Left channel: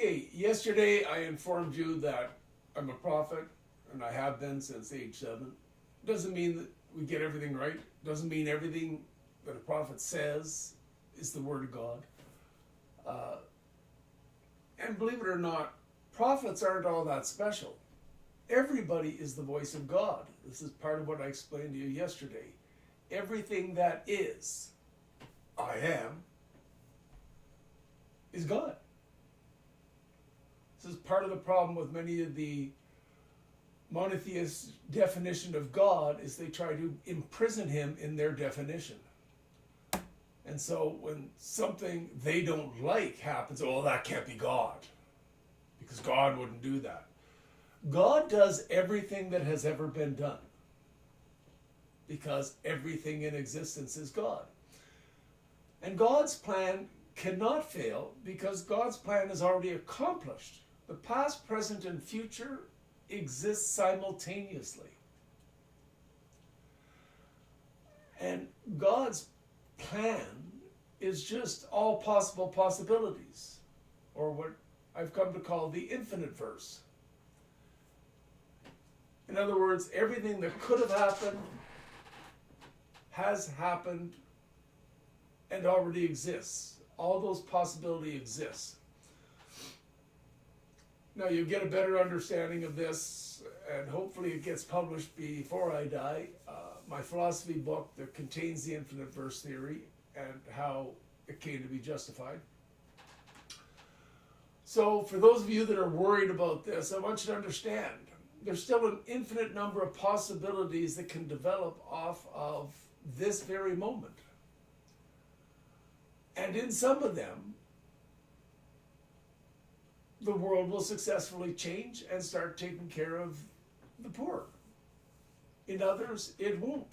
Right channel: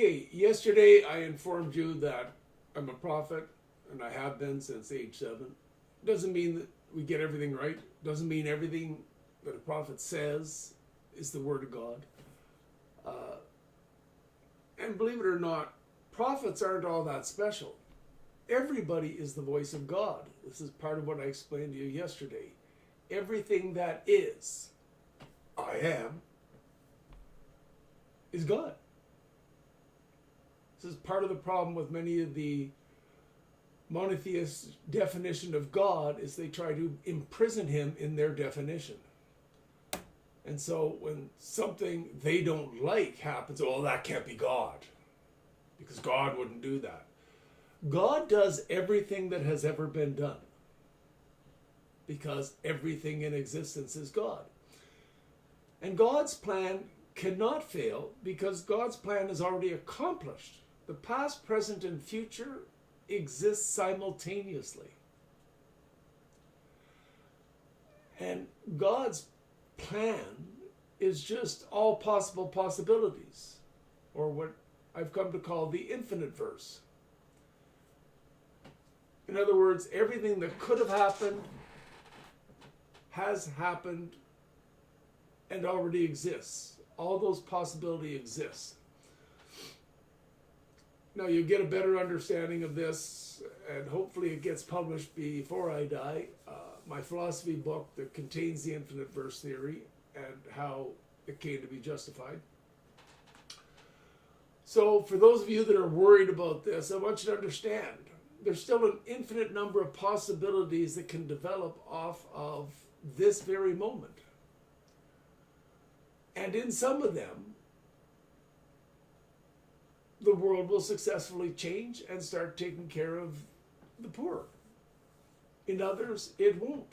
Okay, yesterday I informed you that I'm a prophet, and I have been since age 7. Doesn't mean that we get everything right. Doesn't mean everything that a prophet says is the word of God. Uh, and believe it or not, prophets aren't all that special. Everybody is the voice of God. This is part of what I explained to you yesterday. Everything that is, I am, is God. This is part of the problem with many of the monotheist definition of God is they try to imprison him in their definition. And so when something they don't like happens, oh, that can't be God, because God wouldn't do that. God does everything that has ever been done, because everything in existence is God. And God's plan cannot fail because God's plan is already accomplished. The past, present, and future exist simultaneously. And God's plan is just all possible possibilities, or what I've come to call the infinite verse. In other words, everything that could have happened has happened and already exists. All those possibilities exist. Now you get a better understanding of this, and hopefully it gets published before I die. My philosophy book that contains the infinite verse theory and how it came to be justified. So for those of you that are worried about this, I want you to understand there's still an infinite number of possibilities that can develop off of this very moment. And in some of them, the world will successfully change and start taking care of the poor. In others, it won't.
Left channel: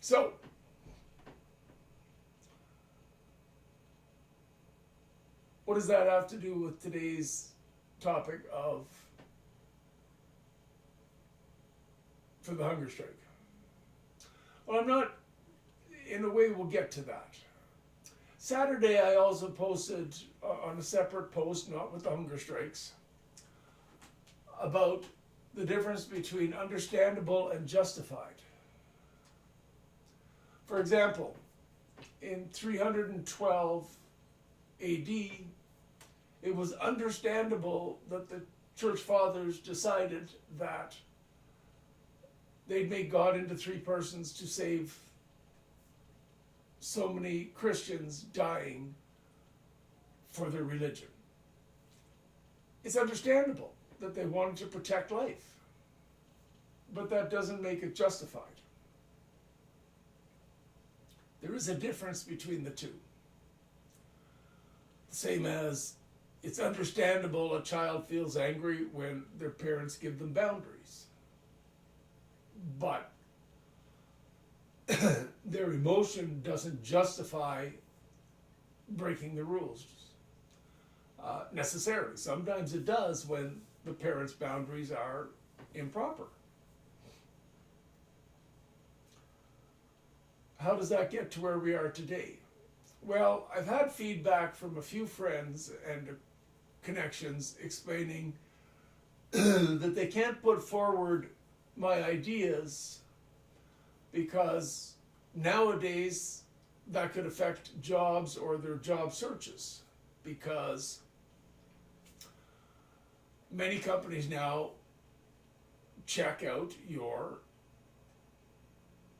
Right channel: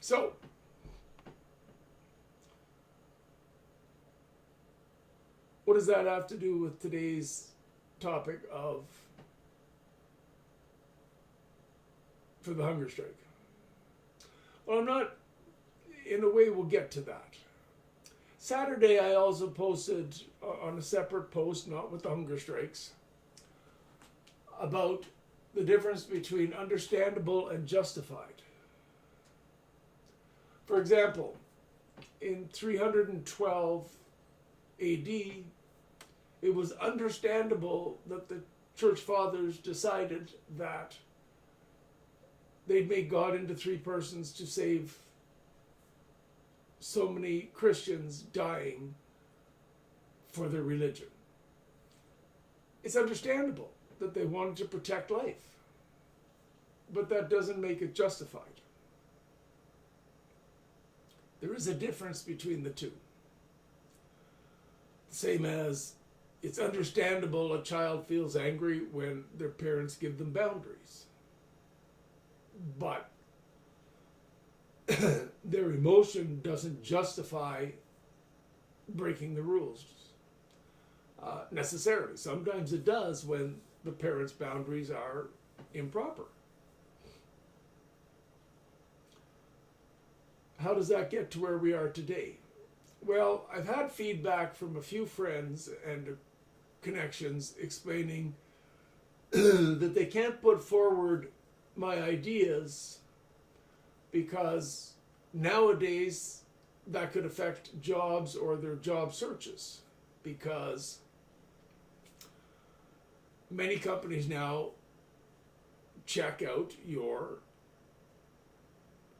So, what does that have to do with today's topic for the hunger strike? Well, in a way, we'll get to that. Saturday, I also posted on a separate post, not with the hunger strikes, about the difference between understandable and justified. For example, in 312 AD, it was understandable that the church fathers decided that they'd make God into three persons to save so many Christians dying for their religion. It's understandable that they wanted to protect life, but that doesn't make it justified. There is a difference between the two. Same as it's understandable a child feels angry when their parents give them boundaries, but their emotion doesn't justify breaking the rules necessarily. Sometimes it does when the parents' boundaries are improper. How does that get to where we are today? Well, I've had feedback from a few friends and connections explaining that they can't put forward my ideas because nowadays that could affect jobs or their job searches, because many companies now check out your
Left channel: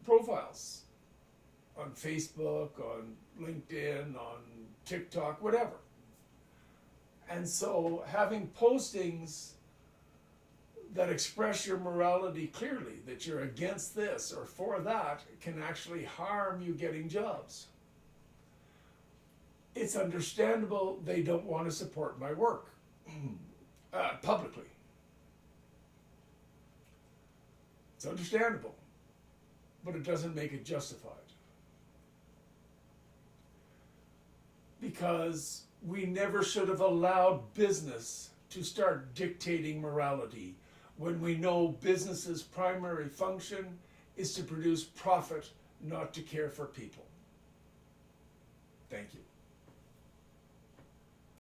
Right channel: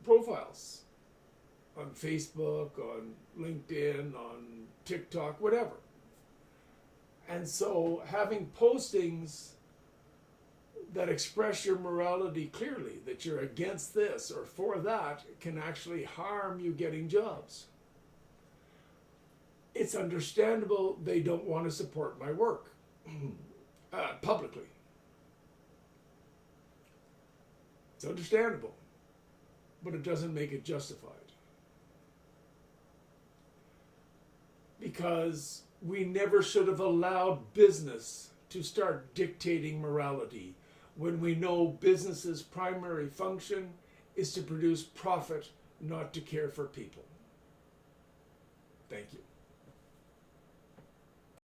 profiles on Facebook, on LinkedIn, on TikTok, whatever. And so having postings that express your morality clearly, that you're against this or for that, can actually harm you getting jobs. It's understandable they don't want to support my work publicly. It's understandable, but it doesn't make it justified. Because we never should have allowed business to start dictating morality when we know business's primary function is to produce profit, not to care for people. you.